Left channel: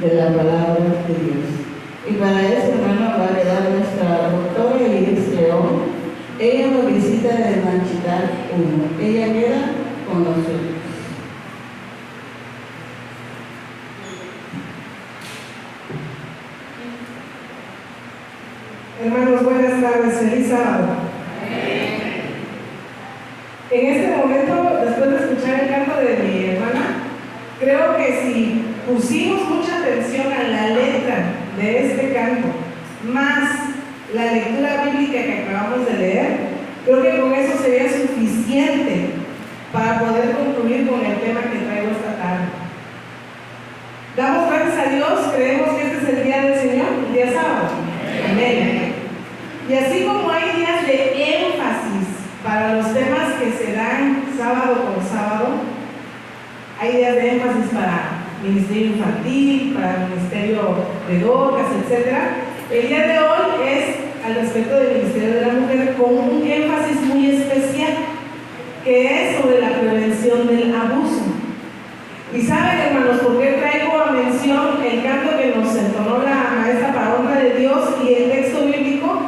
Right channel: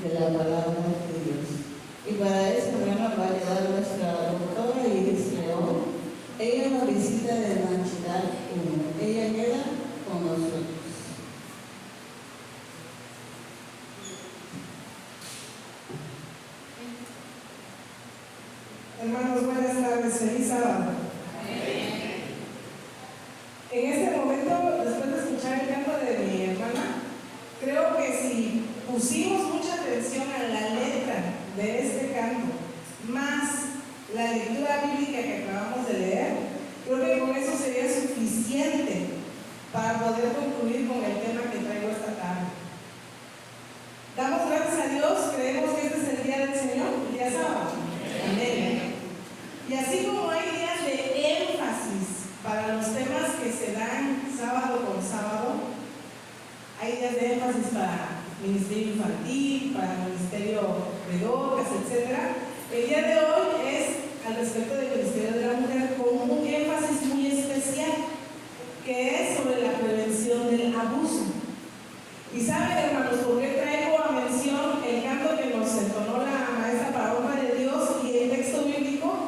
de la palabra de Dios. Y para eso, hermano, va a quedar nuestra doctora Iris León. Ella nos visita de Manchitar 1. Ella queda con nosotros. Hermanos, buenas tardes, feliz sábado. En este momento, después de escuchar el canto de mi hermana, creo que si pusimos mucha atención a la letra de este canto, más la lectura bíblica que acabamos de leer, creo que con eso sería suficiente para poder concluir con el tema que traigo esta tarde. Damos gracias a Dios, creemos que este es el día del Señor, el día sábado. Amén. Y así como hay días de énfasis para los temas que se dan sábado con sábado, hay días de énfasis para ministerio infantil, para el ministerio de docas, etc. El día de hoy es al respecto del ministerio de la mujer con un énfasis muy especial, que es sobre la prevención del abuso. Y saben, hermanos, por qué traigo a mención el canto que nos entonó la maestra para honra de Dios y el texto bíblico.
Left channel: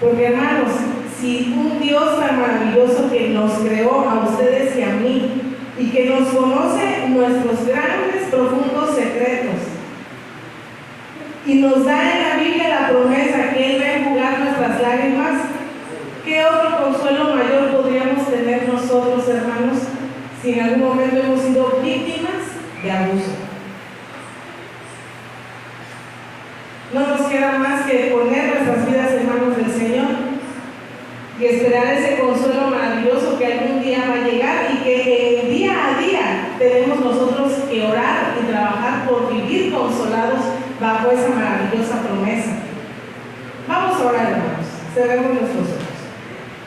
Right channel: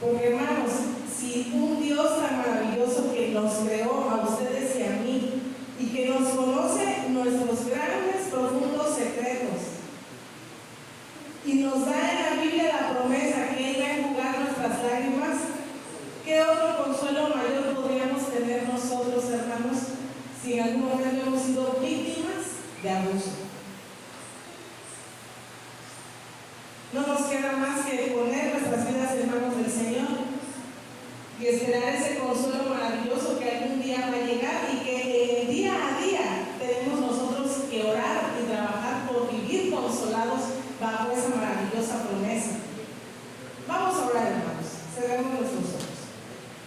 Porque, hermanos, si un Dios tan maravilloso que nos creó a ustedes y a mí y que nos conoce nuestros grandes, profundos secretos y nos da en la Biblia la promesa que Él va a enjugar nuestras lágrimas, ¿qué otro consuelo mayor podríamos tener nosotros, hermanos, si en algún momento hemos sido víctimas de abuso? No nos queda más que poner nuestras vidas en manos del Señor y esperar ese consuelo maravilloso que algún día va a llegar y que en día a día tenemos nosotros que orar y trabajar por vivir consolados bajo esa maravillosa promesa. Vamos a orar, hermanos. Cerremos nuestros ojos.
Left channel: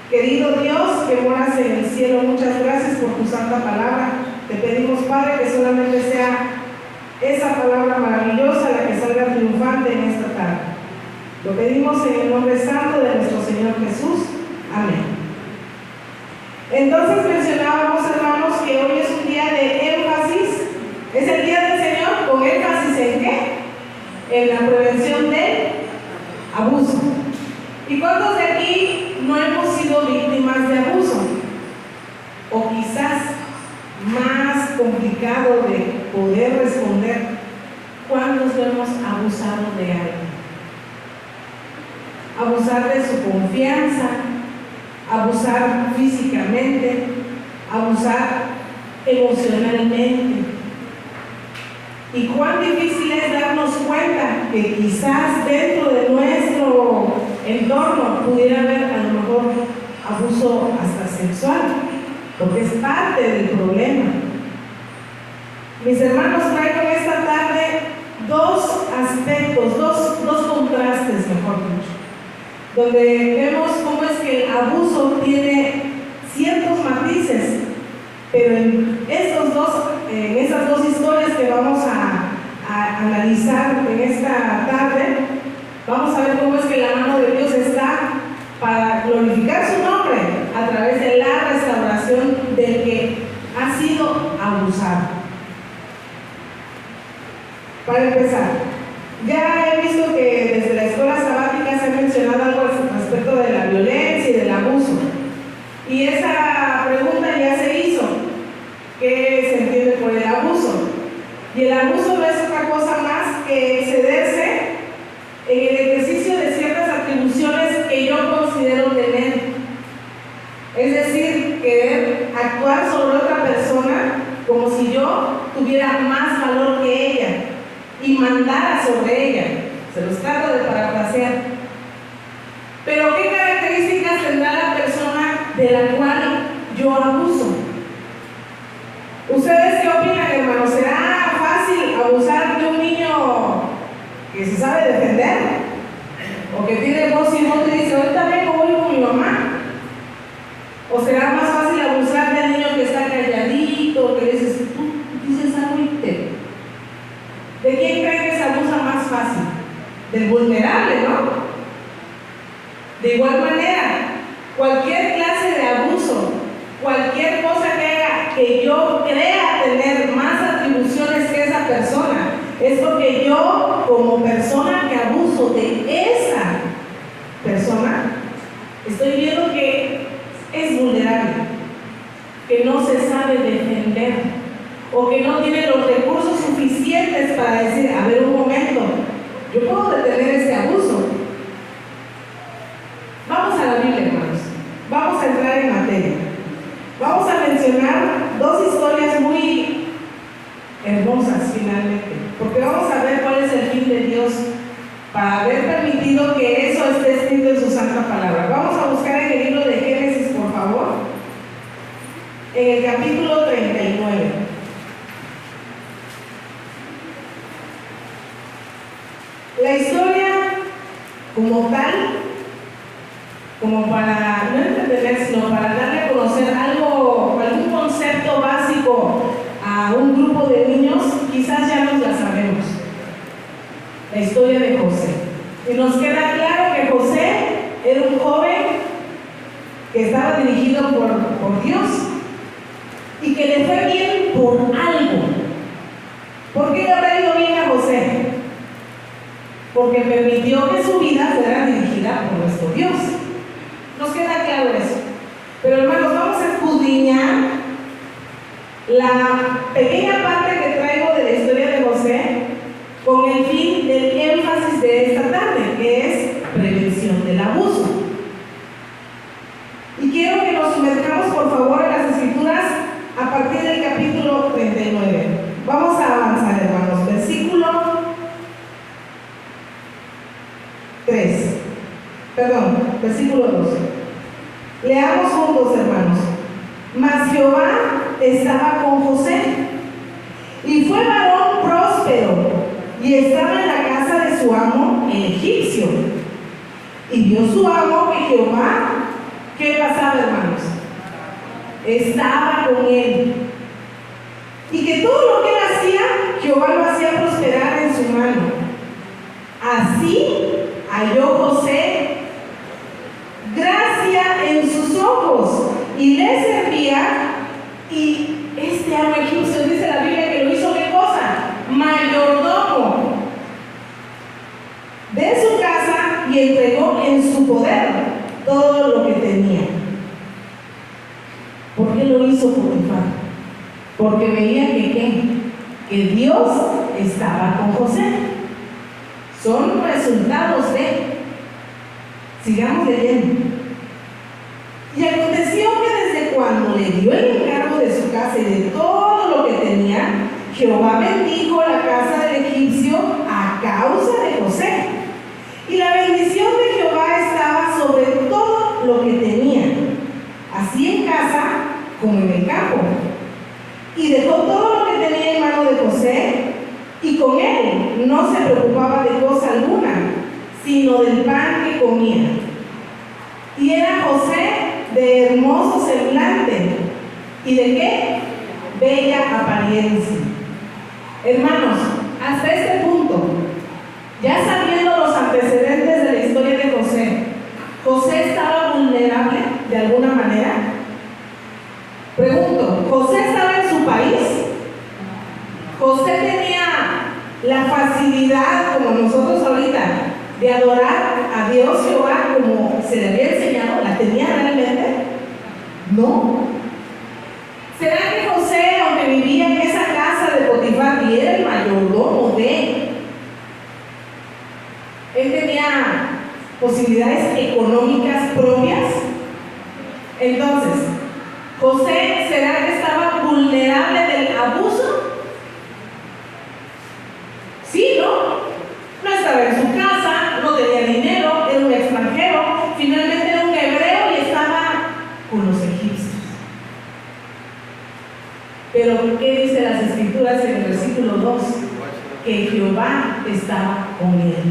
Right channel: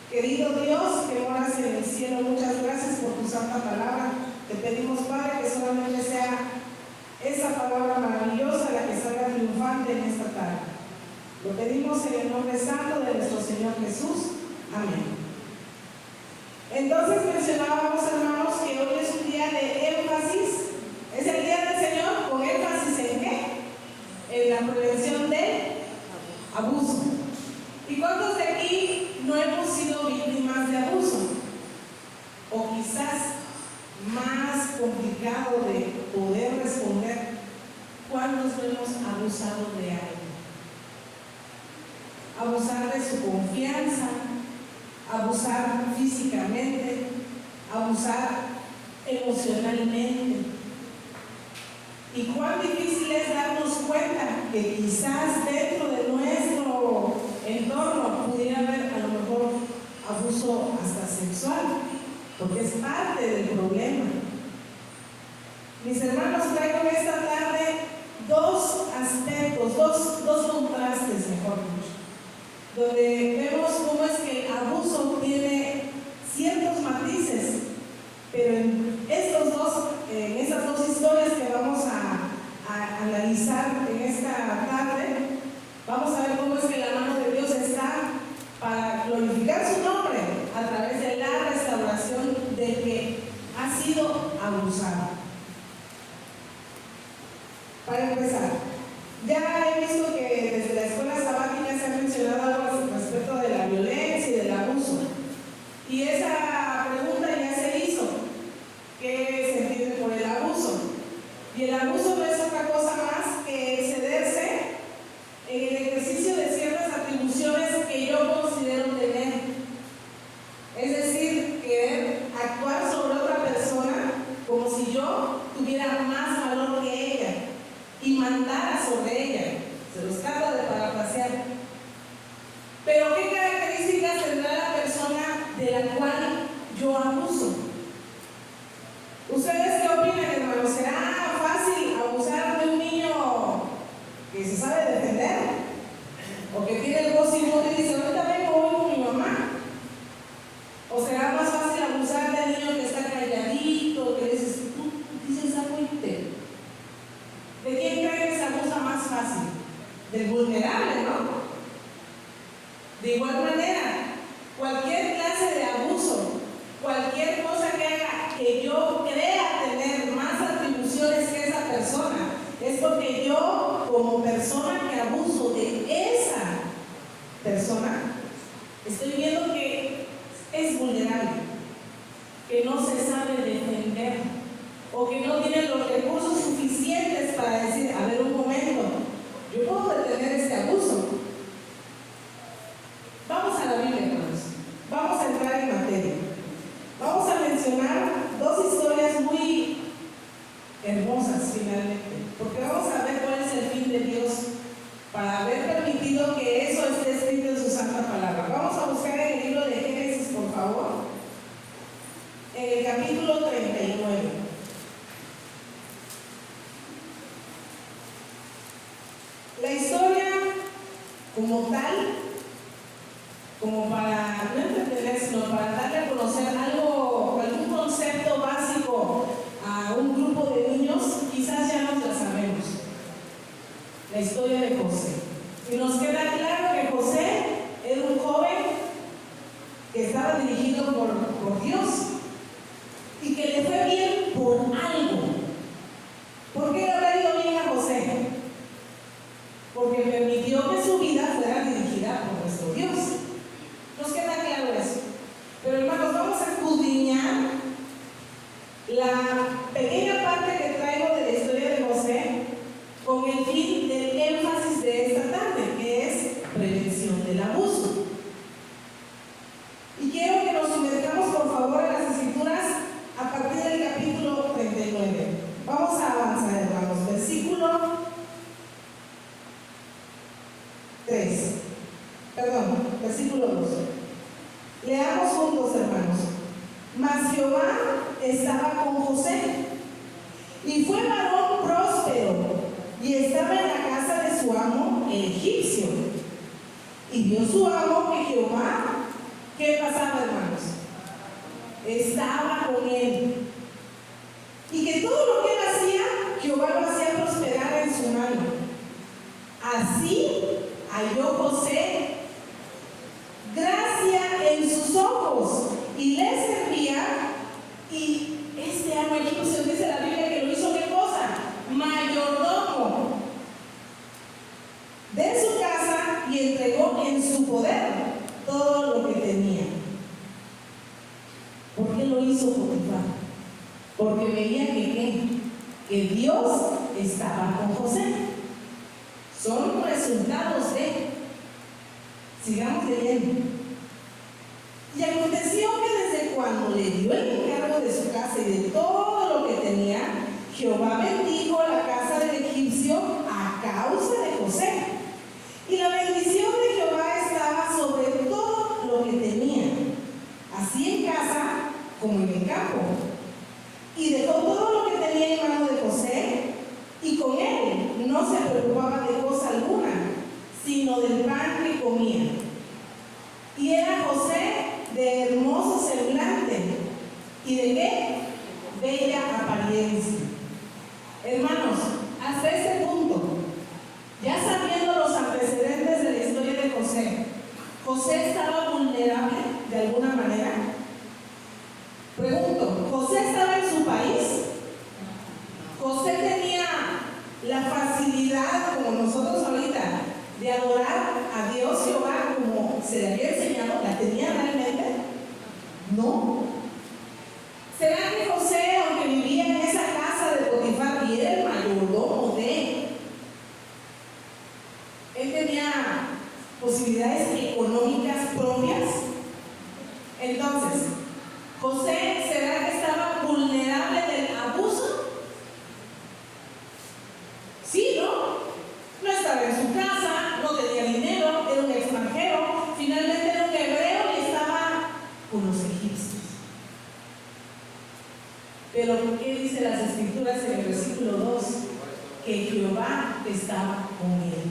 Querido Dios, que moras en el cielo, muchas gracias por tu santa palabra. Te pedimos, Padre, que solamente sea esa palabra maravillosa la que salga triunfante en esta tarde. Lo pedimos en el nombre santo de nuestro Señor Jesús. Amén. Entonces mencionábamos, hermanos, que hoy es un día de énfasis. Es el día del Señor con énfasis ¿en qué? En la prevención del abuso. ¿Y cuántos de aquí no hemos sido víctimas de abuso? O quizás más complicado de poder responder, ¿cuántos hemos abusado de alguien? Abusar de su confianza, abusar físicamente, abusar emocionalmente. Y cuán difícil es darnos cuenta que quizás dentro de nuestro entorno pudiera haber a lo mejor abuso hasta sexual, porque es parte del problema. Mis hermanos, traigo en esta tarde dos aspectos, dos contrastes, mejor dicho, donde vemos cómo es que el abuso tiene ciertos matices, pero en esas dos historias que vamos a analizar en esta tarde, vamos a ver cómo es que la mano de Dios está para glorificar su nombre a través de la restauración del que ha sido abusado. Para empezar, ya he visto que desde la escuela sabática se ha mencionado algo respecto de la violencia y del abuso. Y esa pregunta ya se hizo. ¿Qué se entiende por el abuso? Y el abuso no es otra cosa más que excederse en el ejercicio de ciertas atribuciones que yo considero tener. Es decir, querer actuar sobre otra persona como si yo tuviera más valor que ella y mandara sobre ella. Se los trato de parafrasear. Pero ¿qué características tendrá la persona de la cual yo abuso? ¿Ustedes qué opinan, hermanos? ¿Será fácil abusar de un niño que se sabe defender? ¿O que tiene voz y voz y dice, ahorita vengo, voy con mi mamá? ¿O será más fácil abusar del niño que está calladito, que dices, tú dices algo y te... ¿De quién creen que se abusa más fácil? Del vulnerable, ¿no? De igual manera, cualquier clase de abuso, cualquier cosa que haga que yo crea tener más atribuciones que esa persona, es porque yo, como persona que abuso de esa persona, estoy viendo que es vulnerable, que no se sabe defender o que no tiene los recursos suficientes para decir, a ver un momento, yo puedo detener este abuso. Vamos a la Biblia, hermanos. Vamos a entrar en materia. Vamos a mencionar dos historias muy hermosas finalmente, porque vamos a ver cuál es el fin de Dios para haber permitido que eso esté escrito en su santa palabra. Vamos a buscar en el libro de Génesis, por favor, en el capítulo 39. La historia como tal, como para no entretener, sino para darle a conocer algún concepto básico a un grupo de niños, quizás ya nos la sabemos. La historia de José. Y nos queda claro que José era un joven que estaba dirigido por Dios y que le fue bien por algo. ¿Por qué le habrá ido bien a José? Porque permitió que su vida fuera dirigida por nuestro Dios. Nos queda claro eso. Pero hermanos, vamos a escudriñar la pequeña parte que traigo de la historia de José con el fin del énfasis de esta tarde, que es prevención del abuso. Y quiero que nos sumerjamos, por favor, en las escrituras a partir del capítulo 39. Vamos a avanzar, hermanos. Versículo 12. Leamos juntos, hermanos. Mas Jehová estaba con José, y fue varón próspero, y estaba en la casa de su amo, el egipcio. Y vio su amo que Jehová, ¿qué pasaba, hermanos? Estaba con él. Y que todo lo que él hacía, Jehová lo hacía prosperar en su mano. Así halló José gracia en sus ojos, y le servía. Y este amo egipcio, dice la Biblia, que lo hizo, ¿qué cosa? Mayordomo de su casa, y entregó en su poder todo lo que tenía. ¿Por qué lo hizo Potifar? Porque veía que Dios estaba con José. Son resultados de... Sigamos leyendo. Y aconteció que desde cuando le dio el encargo de su casa y de todo lo que tenía, Jehová bendijo la casa del egipcio a causa de José. Y la bendición de Jehová estaba sobre todo lo que tenía, así en casa como en el campo. Y dejó todo lo que tenía en mano de José, y con él no se preocupaba de cosa alguna, sino del pan que comía. Y era José de hermoso semblante, ¿y de qué? Bella apariencia. Hermanos, hasta este punto, ya sabiendo los antecedentes de la historia de José, ¿José estaba vulnerable de alguna manera? Pregunto, ¿José estaba en su país? ¿José tenía la facilidad, como nosotros ahorita, de adorar a Dios Jehová como se le había enseñado? ¿La tenía realmente? No. ¿Será que José, aunque vivía en esa casa de Potifar y era el mayordomo de él, tenía posibilidades económicas propias? Entonces, ¿José será que estaba vulnerable del abuso? Sí, ¿no? No estaba en su casa, no tenía dinero, era un extranjero, finalmente era un hebreo y estaba con los egipcios. Pero ¿qué dice las escrituras en el versículo 2? Que Jehová estaba con él.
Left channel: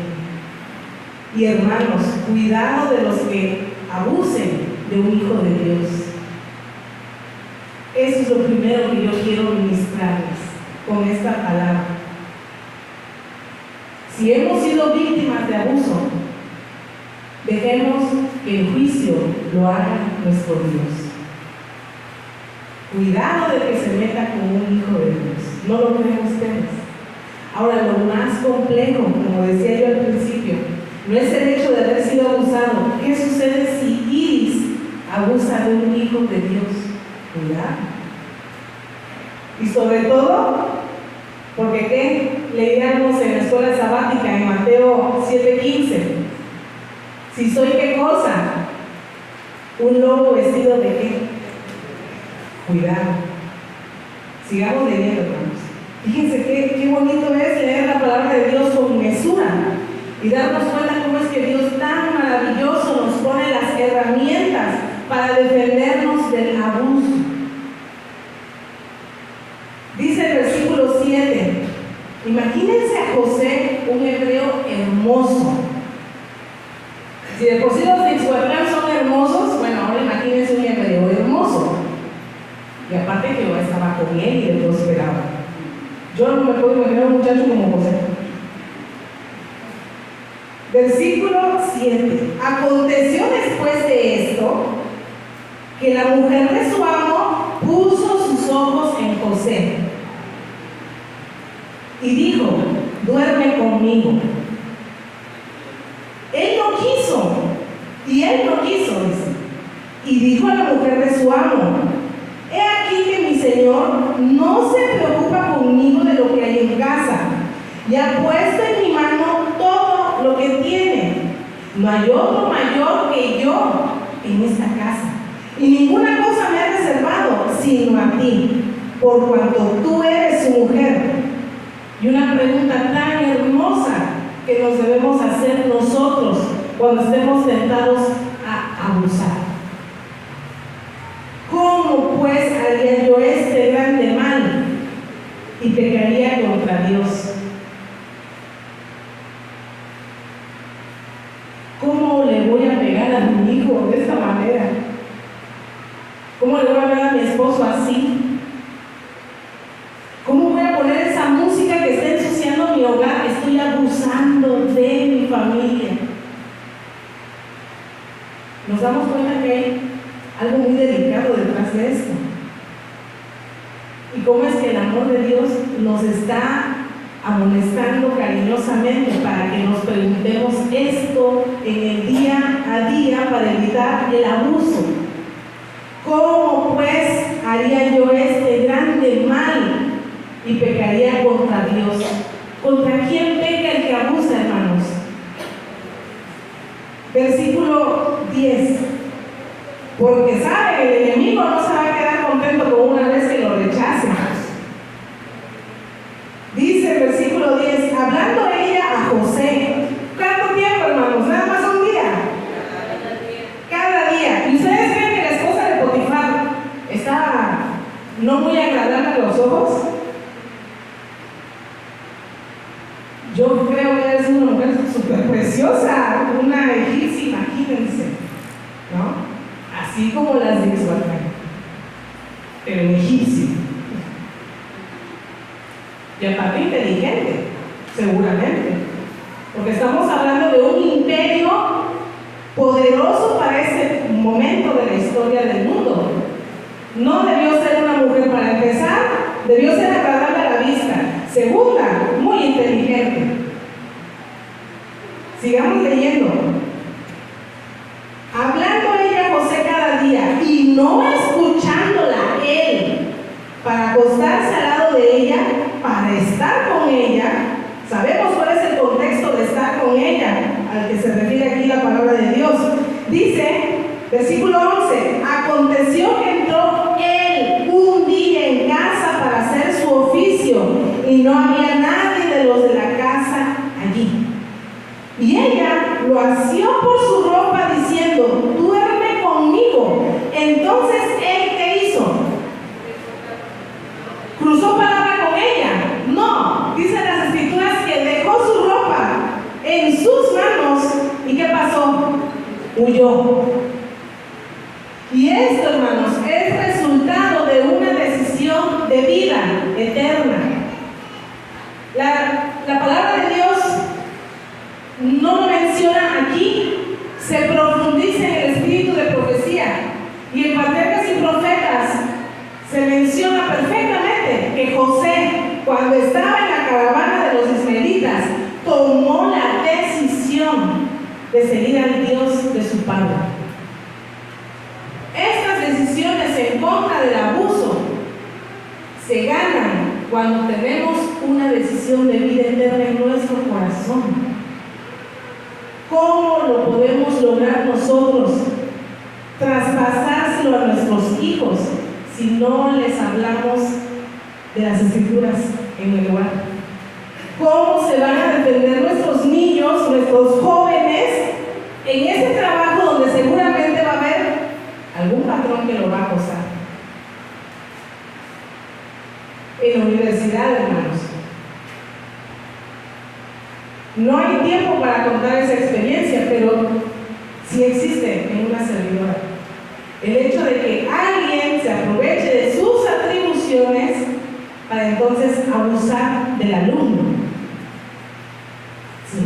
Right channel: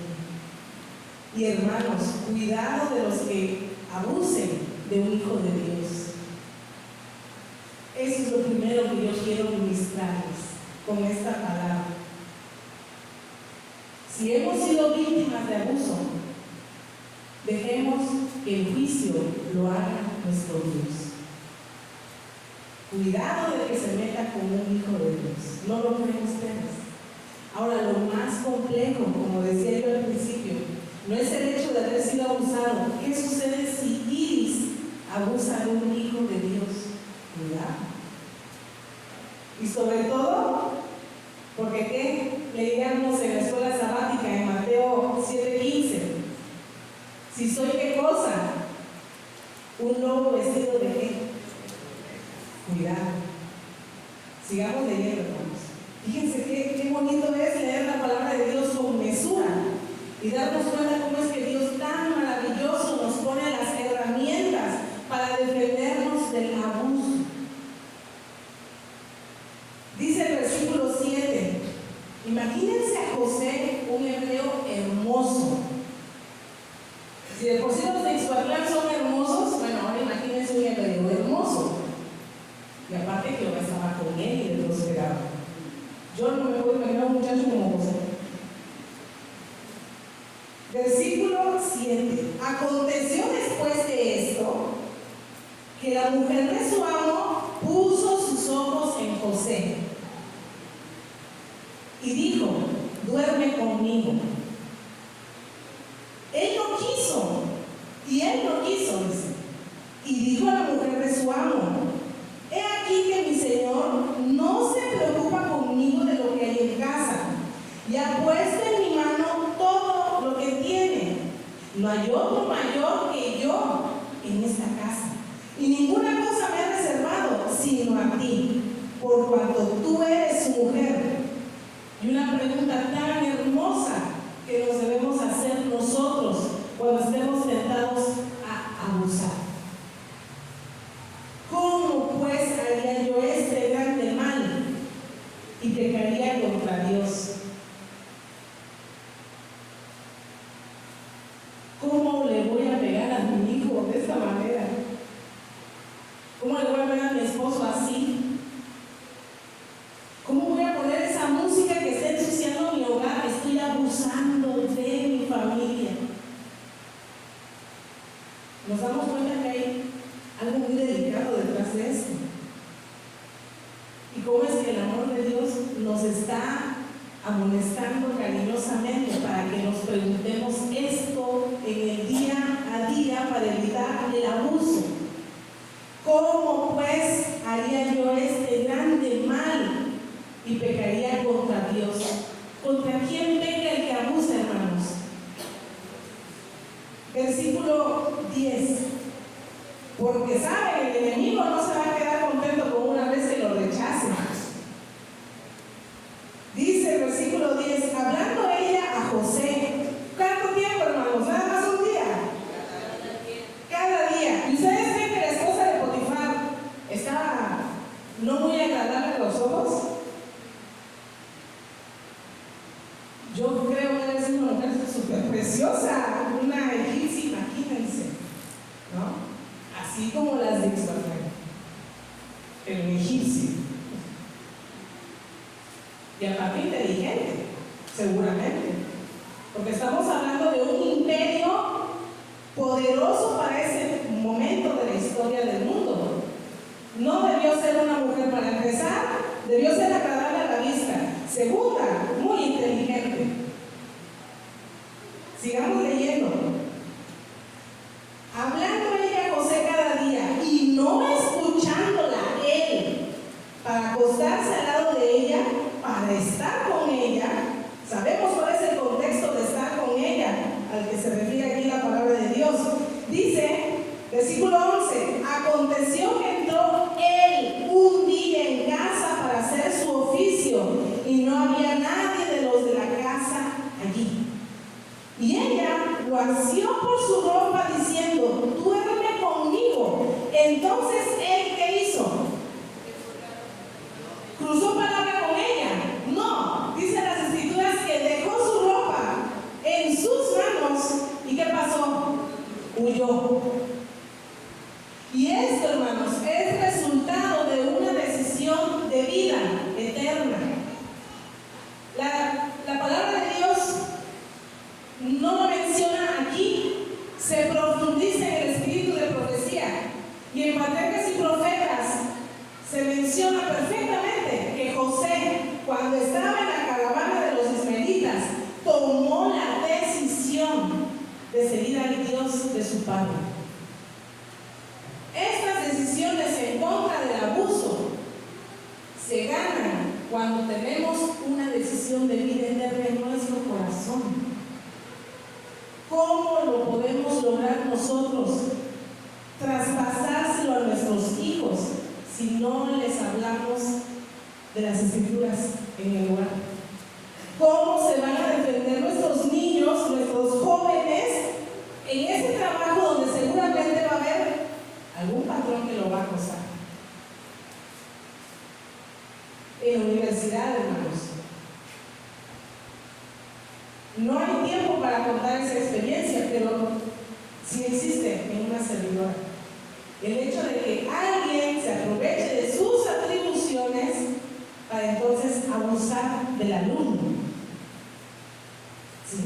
Y hermanos, cuidado de los que abusen de un hijo de Dios. Eso es lo primero que yo quiero ministrarles con esta palabra. Si hemos sido víctimas de abuso, dejemos que el juicio lo haga nuestro Dios. Cuidado de que se meta con un hijo de Dios. ¿No lo creen ustedes? Ahora, lo más complejo, como decía yo al principio, no es el hecho de haber sido abusado. ¿Qué sucede si Iris abusa de un hijo de Dios? Cuidado. Y sobre todo, porque ¿qué? Leíamos en la escuela sabática en Mateo 7:15. Si soy ¿qué cosa? Un lobo vestido de ¿qué? Cuidado. Sigamos leyendo, hermanos. Fíjense qué bonito es leer la palabra de Dios con mesura y darnos cuenta cómo es que Dios tan maravilloso nos pone las herramientas para defendernos del abuso. Dice el versículo 7, imagínense a José, un hebreo hermoso. Si de por sí los de Ixhuatlán son hermosos, bueno, ahora imagínense un hebreo hermoso. Y aparte Jehová estaba con él y le prosperaba. Yo no me puedo imaginar a un muchacho como José. Versículo 7. Aconteció después de esto que la mujer de su amo puso sus ojos en José y dijo: duerme conmigo. Él no quiso, dice. Y dijo a la mujer de su amo: he aquí que mi señor no se preocupa conmigo de lo que hay en casa, y ha puesto en mi mano todo lo que tiene. No hay otro mayor que yo en esta casa, y ninguna cosa me ha reservado sino a ti, por cuanto tú eres su mujer. Y una pregunta tan hermosa que nos debemos hacer nosotros cuando estemos tentados a abusar. ¿Cómo pues haría yo este grande mal y pecaría contra Dios? ¿Cómo le voy a pegar a mi hijo de esta manera? ¿Cómo le voy a pegar a mi esposo así? ¿Cómo voy a poner esa música que está ensuciando mi hogar? Estoy abusando de mi familia. Nos damos cuenta que hay algo muy delicado detrás de esto. Y cómo es que el amor de Dios nos está amonestando cariñosamente para que nos preguntemos esto en el día a día para evitar el abuso. ¿Cómo pues haría yo este grande mal y pecaría contra Dios? ¿Contra quién peca el que abusa, hermanos? Versículo 10. Porque sabe que el enemigo no se va a quedar contento con una vez que lo rechace. Dice el versículo 10, hablando ella a José. ¿Cuánto tiempo, hermanos? ¿Nada más un día? Cada día. ¿Y ustedes creen que la esposa de Potifar está no muy agradable a los ojos? Yo creo que es una mujer súper preciosa, una egipcia, imagínense, ¿no? Así como las de Ixhuatlán, pero en egipcio. Y aparte inteligente, seguramente, porque estamos hablando de un imperio poderoso para ese momento de la historia del mundo. No debió ser una mujer, para empezar, debió ser agradable a la vista. Segunda, muy inteligente. Sigamos leyendo. Hablando ella a José cada día y no escuchándola él para acostarse al lado de ella, para estar con ella. Sabemos cuál es el contexto de estar con ella al que se refiere aquí la palabra de Dios. Dice, versículo 11, aconteció que entró él un día en casa para hacer su oficio y no había nadie de los de la casa allí. Y ella lo asió por su ropa diciendo, duerme conmigo. Entonces él, ¿qué hizo? ¿Cruzó palabra con ella? No, dicen las escrituras que dejó su ropa en sus manos. ¿Y qué pasó? Huyó. Y esto, hermanos, es resultado de una decisión de vida eterna. La palabra de Dios no lo menciona aquí, se profundiza en el espíritu de profecía. Y en Patriarcas y Profetas se menciona perfectamente que José, cuando estaba en la caravana de los vidas, tomó la decisión de seguir al Dios de su padre. Estas decisiones en contra del abuso se ganan cuando tenemos una decisión de vida eterna en nuestro corazón. ¿Cómo lo podemos lograr nosotros? Traspasárselo a nuestros hijos si no les hablamos de las Escrituras en el hogar. ¿Cómo se van a defender nuestros niños, nuestros jóvenes en ese trabajo donde seguramente va a haber algún patrón que lo va a acosar? En la universidad, hermanos, no hay tiempo para contar esa experiencia, pero sí existe en una servidora. El hecho de que alguien se aproveche de sus atribuciones para entonces abusar del alumno. ¿Sí?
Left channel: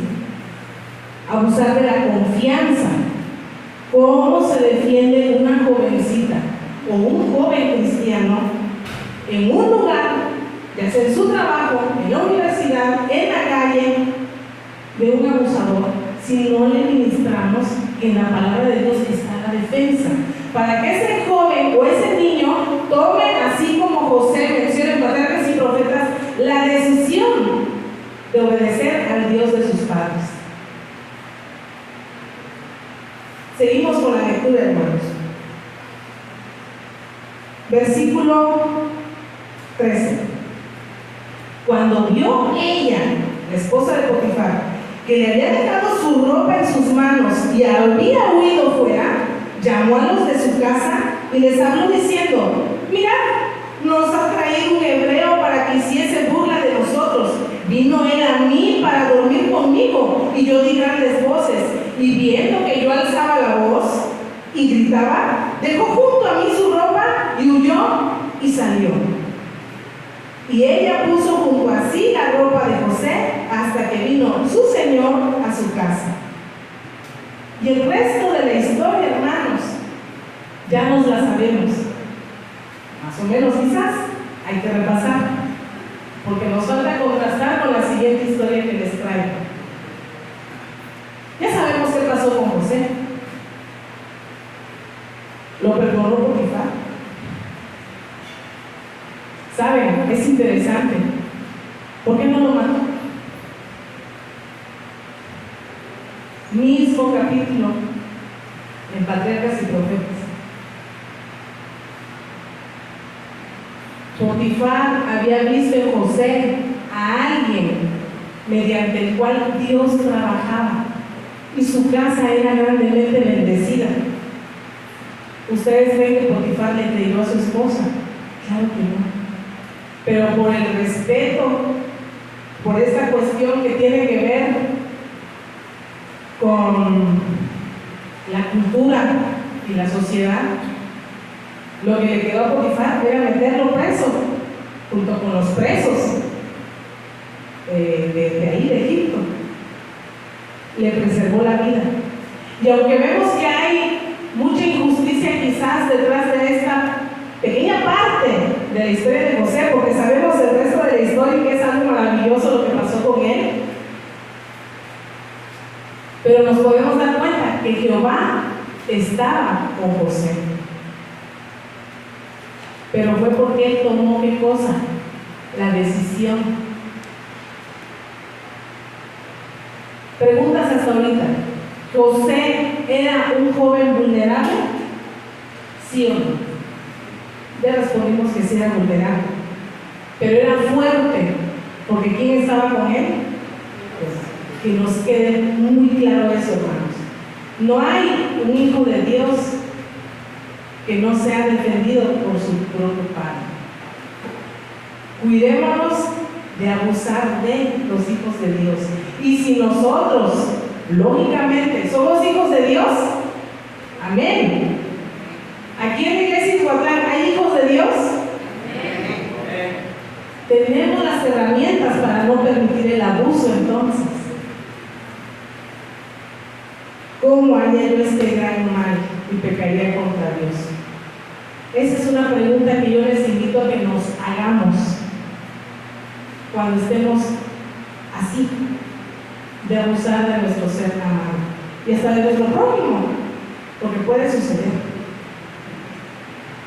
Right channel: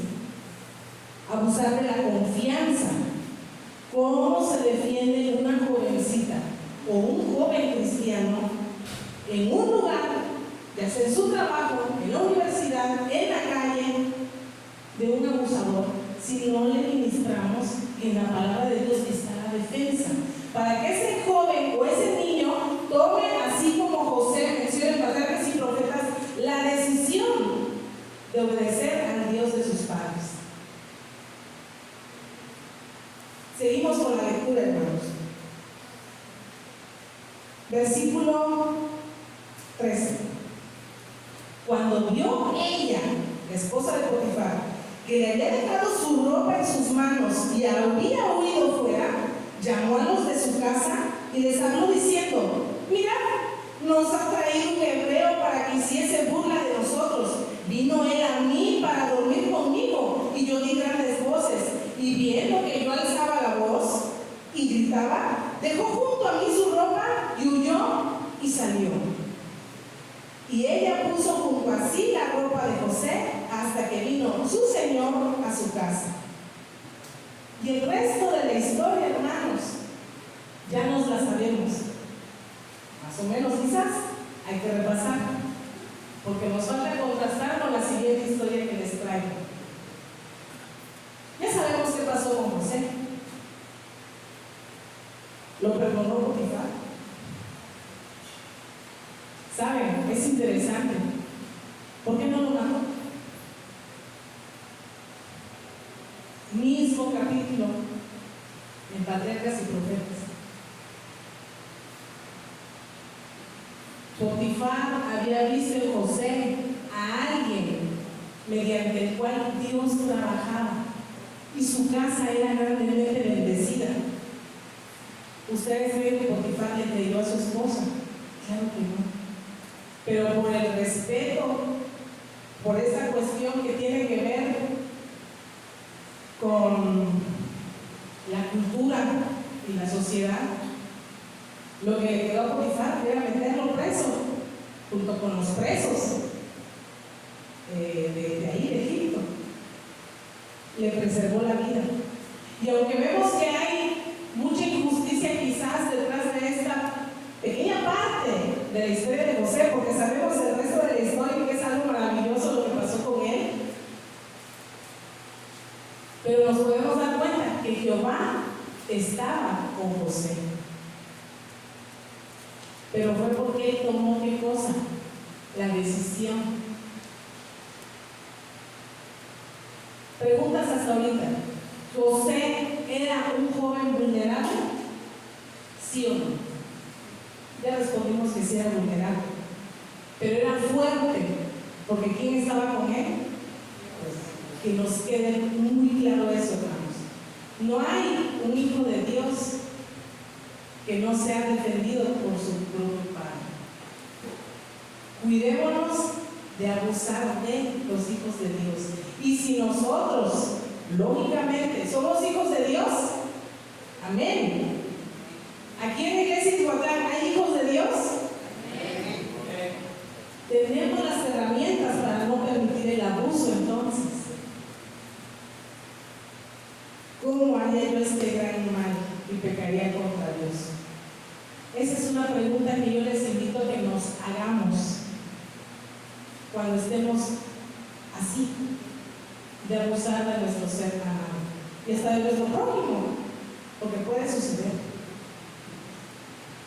Abusar de la confianza. ¿Cómo se defiende una jovencita o un joven cristiano en un lugar, ya sea en su trabajo, en la universidad, en la calle, de un abusador, si no le ministramos en la palabra de Dios que está la defensa? Para que ese joven o ese niño tome, así como José menciona en Patriarcas y Profetas, la decisión de obedecer al Dios de sus padres. Seguimos con la lectura, hermanos. Versículo 13. Cuando vio ella, la esposa de Potifar, que le había dejado su ropa en sus manos y había huido fuera, llamó a los de su casa y les habló diciendo: mirad, nos ha traído un hebreo para que hiciese burla de nosotros. Vino él a mí para dormir conmigo, y yo di grandes voces, y viendo que yo alzaba la voz y gritaba, dejó junto a mí su ropa y huyó y salió. Y ella puso junto a sí la ropa de José hasta que vino su señor a su casa. Y el resto de la historia, hermanos, ya nos la sabemos. Más o menos, quizás hay que repasar, porque nos falta contrastar con la siguiente historia que les traigo. Ya sabemos qué pasó con José. Lo perdonó Potifar. ¿Saben? Es interesante. ¿Por qué no lo mató? Mismo capítulo en Patriarcas y Profetas. Potifar había visto en José a alguien mediante el cual Dios trabajaba y su casa era grandemente bendecida. ¿Ustedes creen que Potifar le creyó a su esposa? Claro que no. Pero por el respeto, por esta cuestión que tiene que ver con la cultura y la sociedad, lo que le quedó a Potifar era meterlo preso, junto con los presos de ahí, de Egipto. Le preservó la vida. Y aunque vemos que hay mucha injusticia quizás detrás de esta pequeña parte de la historia de José, porque sabemos el resto de la historia, que es algo maravilloso lo que pasó con él, pero nos podemos dar cuenta que Jehová estaba con José. Pero fue porque él tomó ¿qué cosa? La decisión. Preguntas hasta ahorita. ¿José era un joven vulnerable? ¿Sí o no? Ya respondimos que sí era vulnerable, pero era fuerte, porque ¿quién estaba con él? Pues, que nos quede muy claro eso, hermanos. No hay un hijo de Dios que no sea defendido por su propio padre. Cuidémonos de abusar de los hijos de Dios. Y si nosotros, lógicamente, somos hijos de Dios, amén. Aquí en la iglesia Ixhuatlán hay hijos de Dios. Tenemos las herramientas para no permitir el abuso, entonces. ¿Cómo haría yo este gran mal y pecaría contra Dios? Esa es una pregunta que yo les invito a que nos hagamos cuando estemos así, de abusar de nuestro ser amado y hasta de nuestro prójimo, porque puede suceder.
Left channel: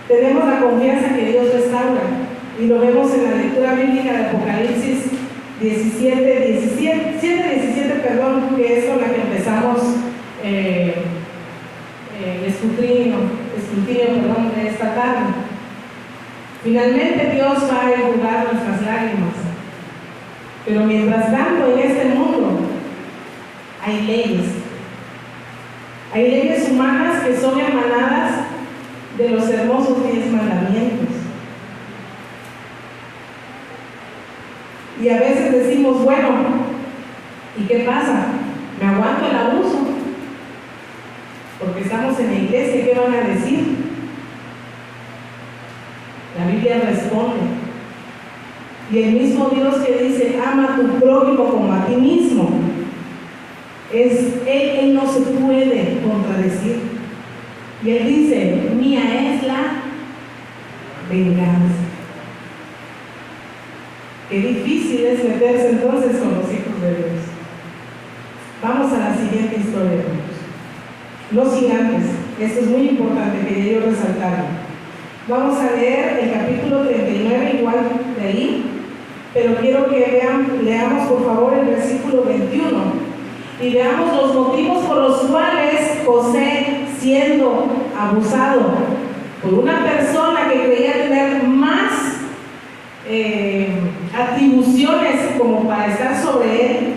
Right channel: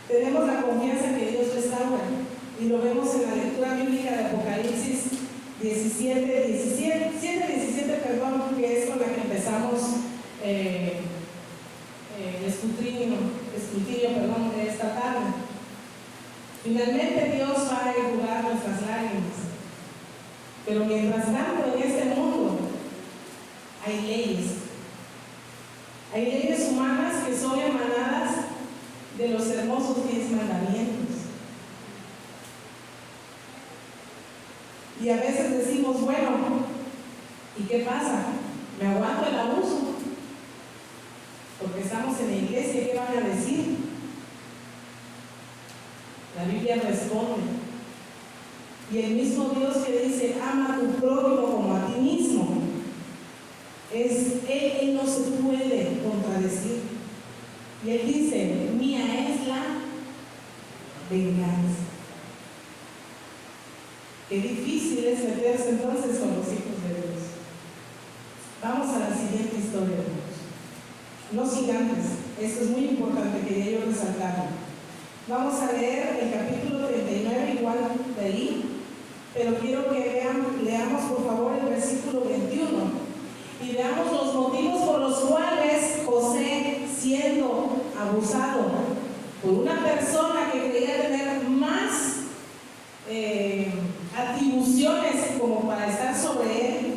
Tenemos la confianza que Dios restaura y lo vemos en la lectura bíblica de Apocalipsis 17, que es con la que empezamos el escrutinio de esta tarde. Finalmente Dios va a enjugar nuestras lágrimas, pero mientras tanto en este mundo hay leyes humanas que son emanadas de los hermosos 10 mandamientos. Y a veces decimos, bueno, ¿y qué pasa? ¿Me aguanto el abuso? Porque estamos en la iglesia, ¿qué van a decir? La Biblia responde. Y el mismo Dios que dice, ama a tu prójimo como a ti mismo, Él no se puede contradecir. Y Él dice, mía es la venganza. Qué difícil es meterse entonces con los hijos de Dios. Vamos a la siguiente historia, hermanos. No sin antes, esto es muy importante que yo resaltarlo. Vamos a leer el capítulo 39, igual de ahí, pero quiero que leamos por favor el versículo 21 y veamos los motivos por los cuales José, siendo abusado por una persona que creía tener más atribuciones como para estar sobre él,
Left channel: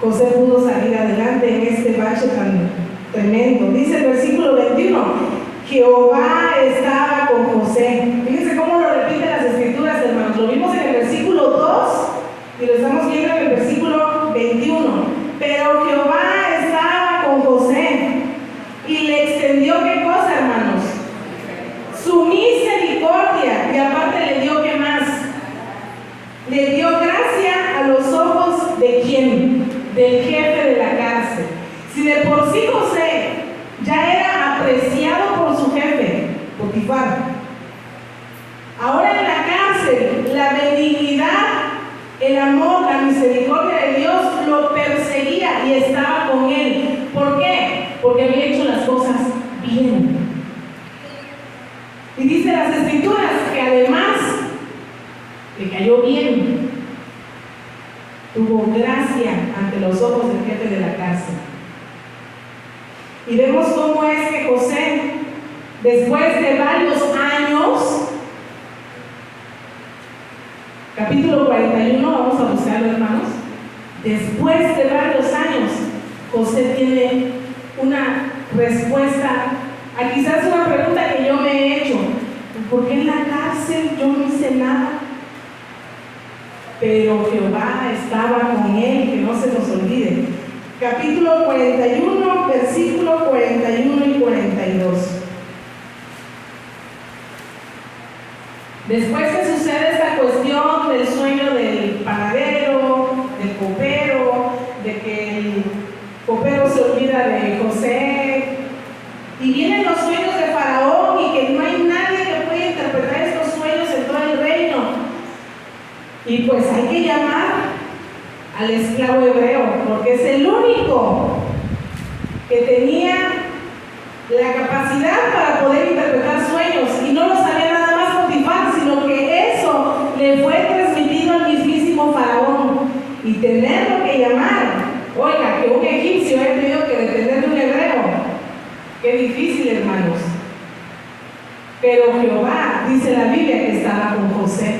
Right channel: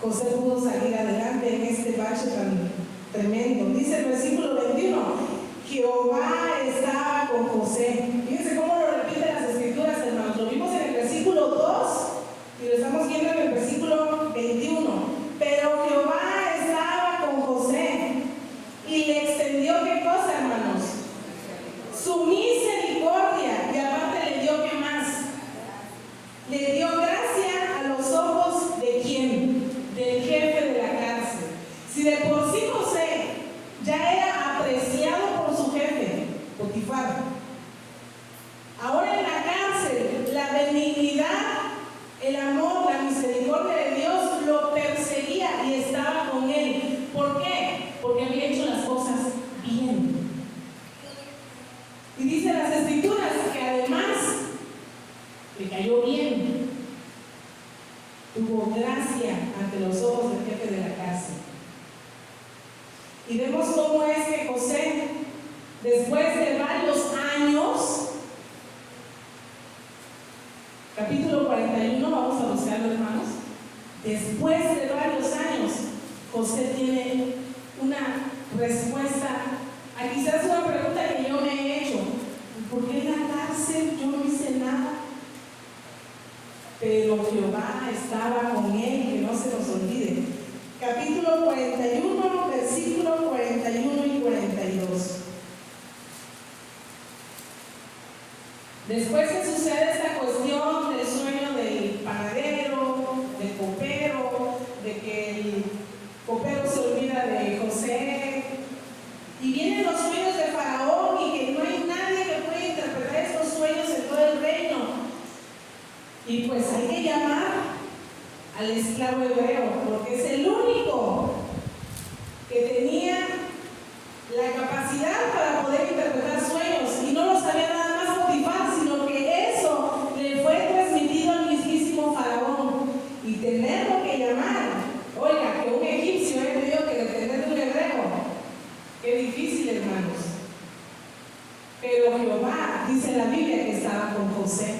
José pudo salir adelante en este bache tan tremendo. Dice el versículo 21, Jehová estaba con José. Fíjense cómo lo repiten las escrituras, hermanos. Lo vimos en el versículo 2 y lo estamos viendo en el versículo 21. Pero Jehová estaba con José y le extendió, ¿qué cosa, hermanos? Su misericordia, y aparte le dio, ¿qué más? Le dio gracia a los ojos de ¿quién? Del jefe de la cárcel. Si de por sí José ya era apreciado por su jefe, Potifar, ahora en la cárcel, la benignidad, el amor, la misericordia de Dios lo perseguía y estaba con él. ¿Por qué? Porque había hecho las cosas bien. Y dice las escrituras que además le cayó bien, tuvo gracia ante los ojos del jefe de la cárcel. Y vemos cómo es que José, después de varios años, capítulo 41, vamos a buscarlo, hermanos. Después de varios años, José tiene una respuesta a quizás una pregunta que yo me he hecho: ¿por qué en la cárcel yo no hice nada? Pero Jehová estaba con él, que no se nos olvide. Capítulo 41, versículo 41 y 42. Después que sucede esta cuestión del sueño del panadero, del copero, de que el copero se olvida de José, y vienen los sueños de Faraón y que no hay nadie que pueda interpretar estos sueños en todo el reino, y pues hay que llamar al esclavo hebreo, porque es el único que tenía la capacidad para poder interpretar sueños, y no lo sabía nada más Potifar, sino que eso le fue transmitido al mismísimo Faraón, y tenerlo que llamar, oiga, que un egipcio ha tenido que detener un hebreo, qué difícil, hermanos. Pero Jehová, dice la Biblia, que estaba con José,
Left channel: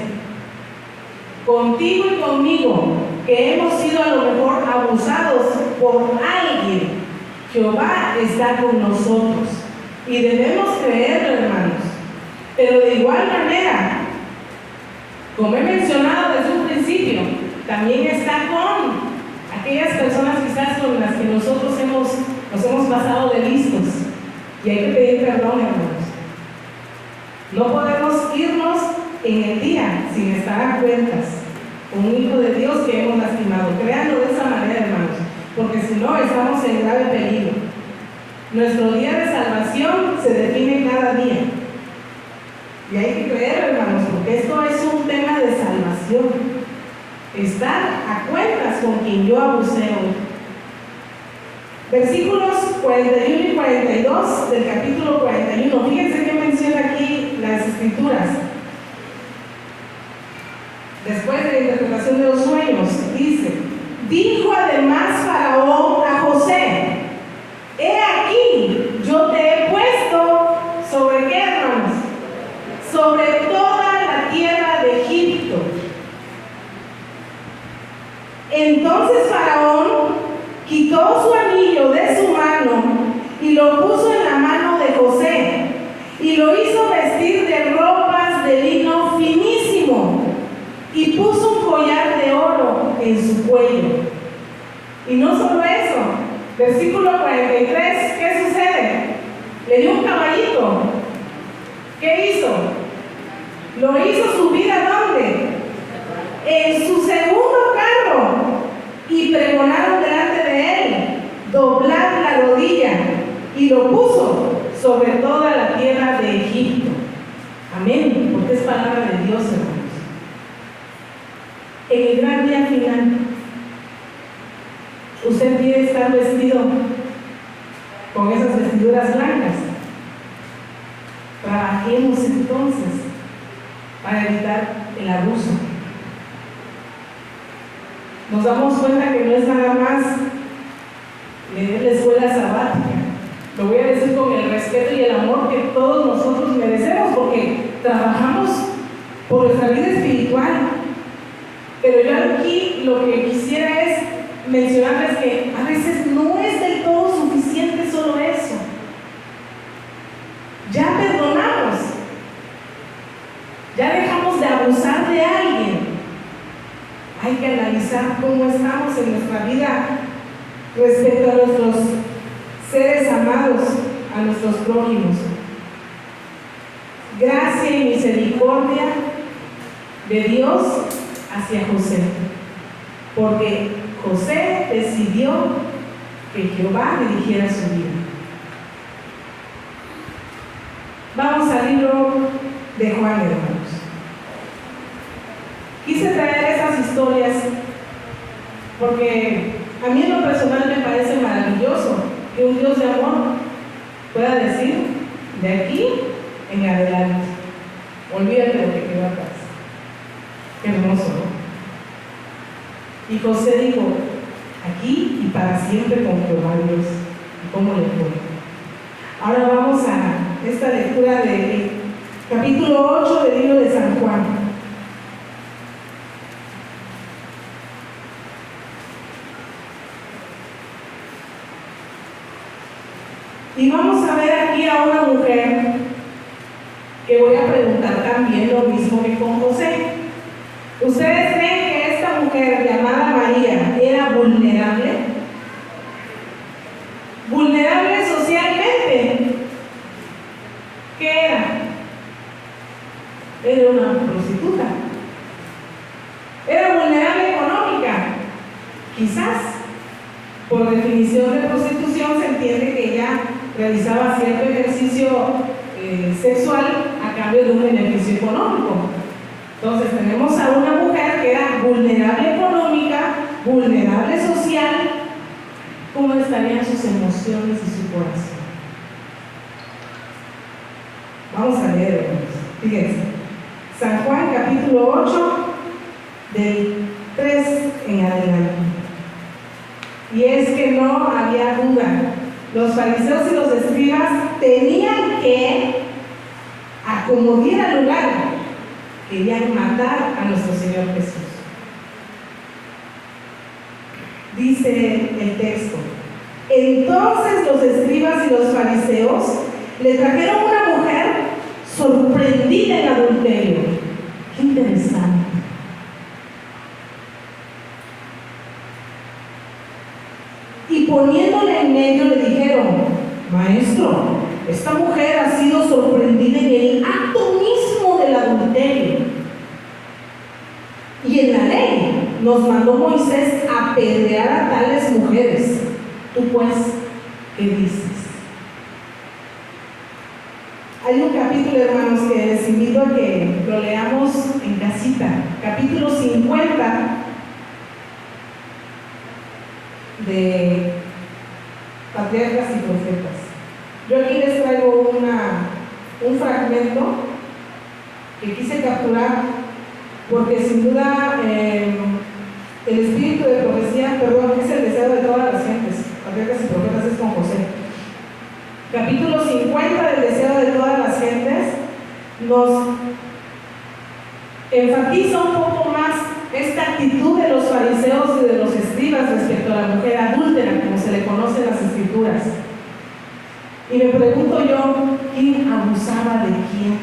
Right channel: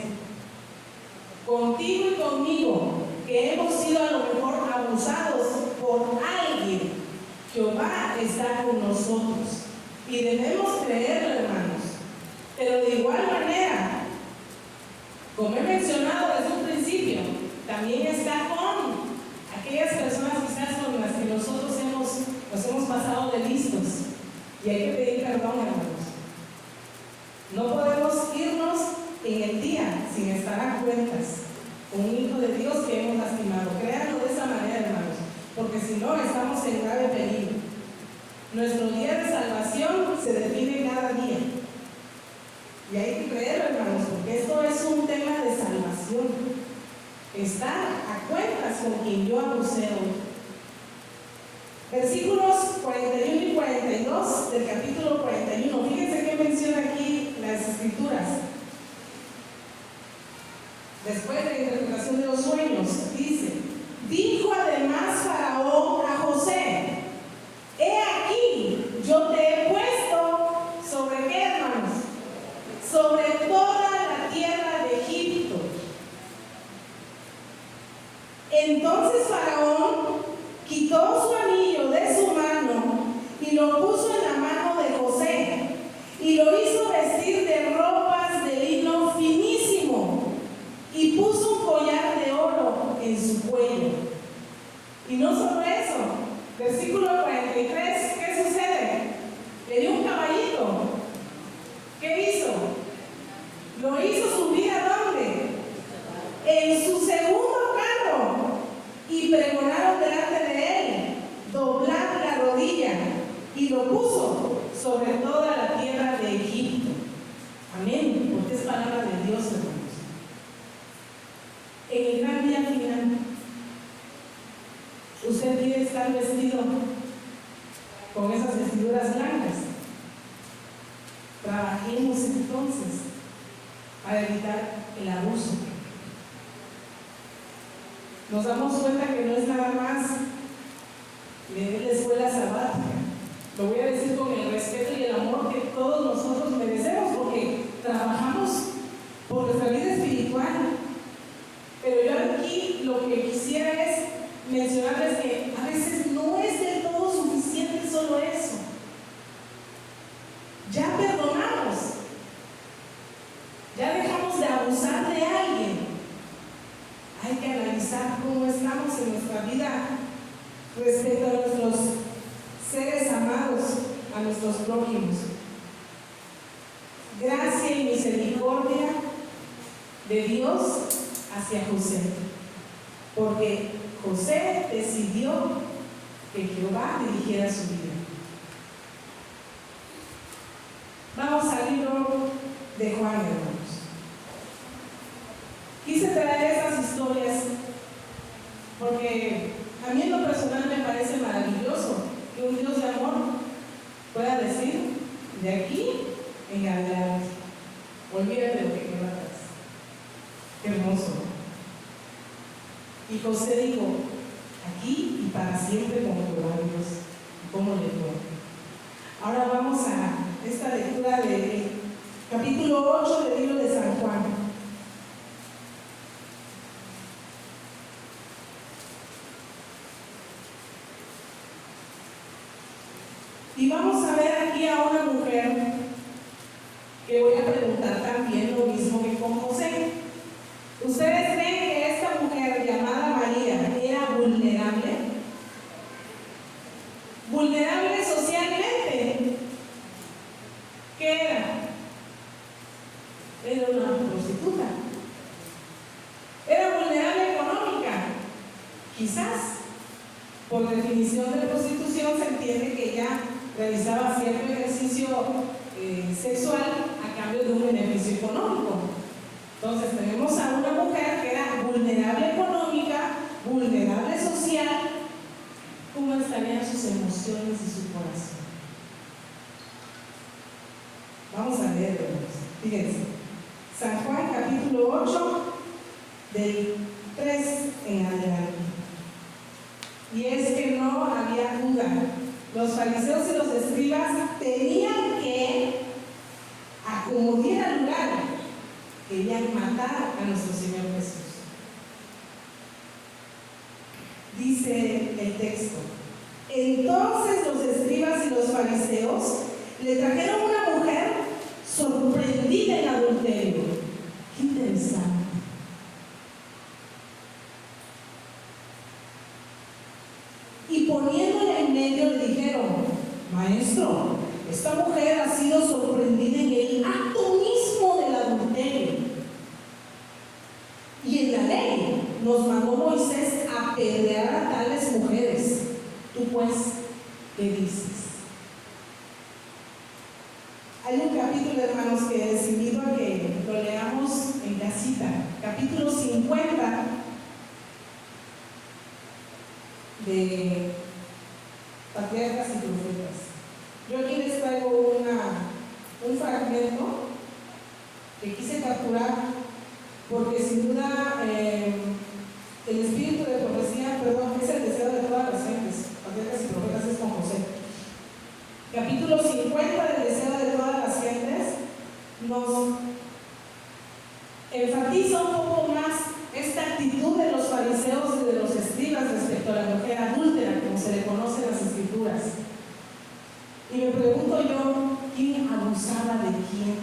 contigo y conmigo, que hemos sido a lo mejor abusados por alguien. Jehová está con nosotros y debemos creerlo, hermanos. Pero de igual manera, como he mencionado desde un principio, también está con aquellas personas quizás con las que nosotros nos hemos pasado de listos, y hay que pedir perdón, hermanos. No podemos irnos en el día sin estar a cuentas con un hijo de Dios que hemos lastimado. Créanlo de esa manera, hermanos, porque si no, estamos en grave peligro. Nuestro día de salvación se define cada día, y hay que creer, hermanos, porque esto es un tema de salvación. Estar a cuentas con quien yo abusé hoy. Versículos 41 y 42 del capítulo 41. Fíjense que menciona aquí las escrituras. Después de la interpretación de los sueños, dice: dijo además Faraón a José: he aquí, yo te he puesto sobre qué, hermanos, sobre toda la tierra de Egipto. Entonces Faraón quitó su anillo de su mano y lo puso en la mano de José y lo hizo vestir de ropas de lino finísimo y puso un collar de oro en su cuello. Y no solo eso, versículo 43, ¿qué sucede? Le dio un caballito. ¿Qué hizo? Lo hizo subir ¿a dónde? En su segundo carro, y pregonaron delante de él doblar la rodilla, y lo puso sobre toda la tierra de Egipto. Amén, porque es palabra de Dios, hermanos. En el gran día final, usted quiere estar vestido con esas vestiduras blancas. Trabajemos entonces para evitar el abuso. Nos damos cuenta que no es nada más leer la escuela sabática. Lo voy a decir con el respeto y el amor que todos nosotros merecemos, porque trabajamos por nuestra vida espiritual. Pero yo aquí lo que quisiera es mencionarles que a veces no es del todo suficiente solo eso. Ya perdonamos, ya dejamos de abusar de alguien. Hay que analizar cómo estamos en nuestra vida respecto a nuestros seres amados, a nuestros prójimos. Gracia y misericordia de Dios hacia José, porque José decidió que Jehová dirigiera su vida. Vamos al libro de Juan, hermanos. Quise traer esas historias porque a mí en lo personal me parece maravilloso que un Dios de amor pueda decir: de aquí en adelante, olvídate lo que quedó atrás. Qué hermoso, ¿no? Y José dijo: aquí y para siempre con Jehová Dios. ¿Y cómo le fue? Ahora vamos a esta lectura del capítulo 8 del libro de San Juan. Y vamos a ver aquí a una mujer que voy a preguntar también lo mismo que con José. ¿Ustedes creen que esta mujer llamada María era vulnerable? ¿Vulnerable socialmente? ¿Qué era? Era una prostituta. ¿Era vulnerable económica? Quizás. Por definición de prostitución se entiende que ella realizaba cierto ejercicio sexual a cambio de un beneficio económico. Entonces tenemos a una mujer que era vulnerable económica, vulnerable social. ¿Cómo estarían sus emociones y su corazón? Vamos a leer, hermanos. Fíjense, San Juan capítulo 8 del 3 en adelante. Y es que no había duda. Los fariseos y los escribas tenían que acomodar al lugar. Querían matar a nuestro Señor Jesús. Dice el texto: entonces los escribas y los fariseos le trajeron una mujer sorprendida en adulterio. Qué interesante. Y poniéndole en medio le dijeron: maestro, esta mujer ha sido sorprendida en el acto mismo del adulterio. Y en la ley nos mandó Moisés a apedrear a tales mujeres. Tú pues, ¿qué dices? Hay un capítulo, hermanos, que les invito a que lo leamos en casita. Capítulo 50 de patriarcas y profetas. Yo aquí les traigo un fragmento que quise capturar porque sin duda el espíritu de profecía, es el deseo de todas las gentes. Patriarcas y profetas es con José. Capítulo 50 del deseo de todas las gentes nos enfatiza un poco más esta actitud de los fariseos y de los escribas respecto a la mujer adúltera, como se le conoce en las escrituras. Y me pregunto yo, ¿quién abusaba de quién?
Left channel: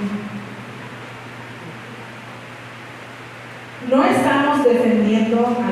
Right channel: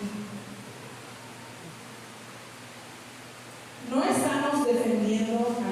No estamos defendiendo a la